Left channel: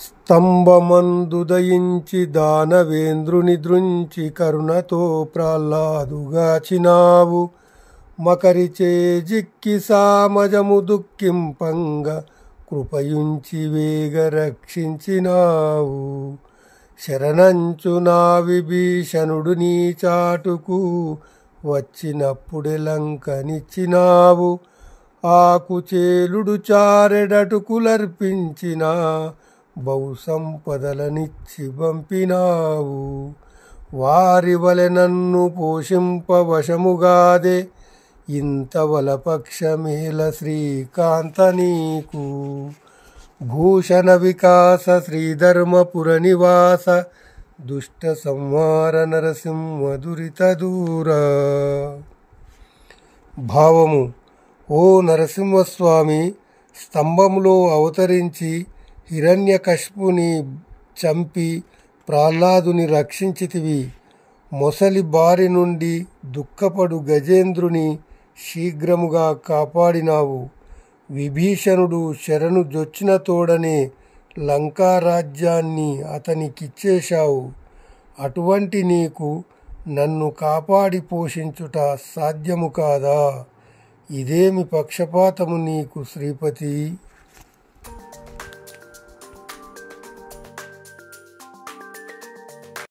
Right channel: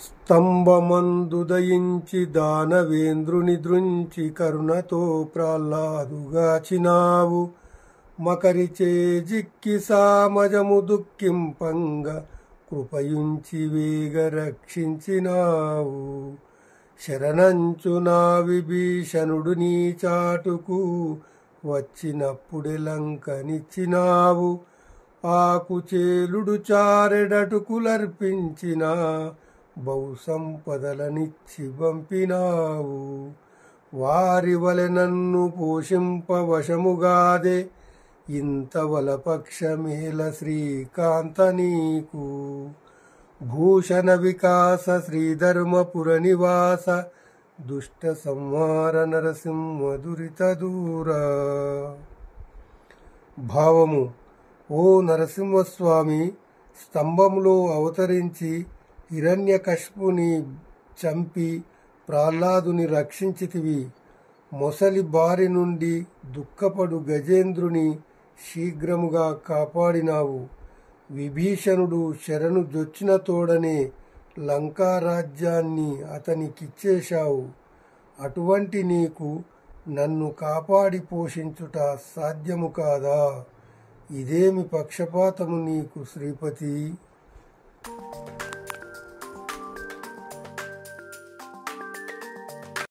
స్తంభమందుదయించి దానవేంద్రుని దృంచి కరుణతో ప్రహ్లాదుగాచినావు. మకరిచే జిక్కి సామజము దుఃఖింపంగ కృపయుంచి వేగ రక్షించినావు. శరణంచు నా విభీషణుడు నీ చాటుకు వచ్చినప్పుడే లంకనిచ్చినావు. ఆకుచేలుడు చారెడటుకులర్పించిన బహు సంపదలనిచ్చి పంపినావు. వారి వలె నన్ను పోషింపవశముగాదే ఇంత వలపక్షమేల శ్రీకాంత నీకు. భూషణ వికాస శ్రీధర్మపుర నివాస దుష్ట సంహార నరసింహ దురిత దూరా. భావము: ఓ నరసింహస్వామి, స్తంభంలో అవతరించి హిరణ్యకశిపుని చంపి ప్రహ్లాదుని రక్షించితివి. మొసలి బారి నుండి దుఃఖపడు గజేంద్రుని శీఘ్రముగా కాపాడినావు. విభీషణుడు శరణు జొచ్చిన తోడనే లంకారాజ్యాన్ని అతనికిచ్చేశావు. అటువంటి నీకు నన్ను కాపాడి పోషించుట సాధ్యము కాదా? ఇదేమి పక్షపాతము నీకు శ్రీపతి?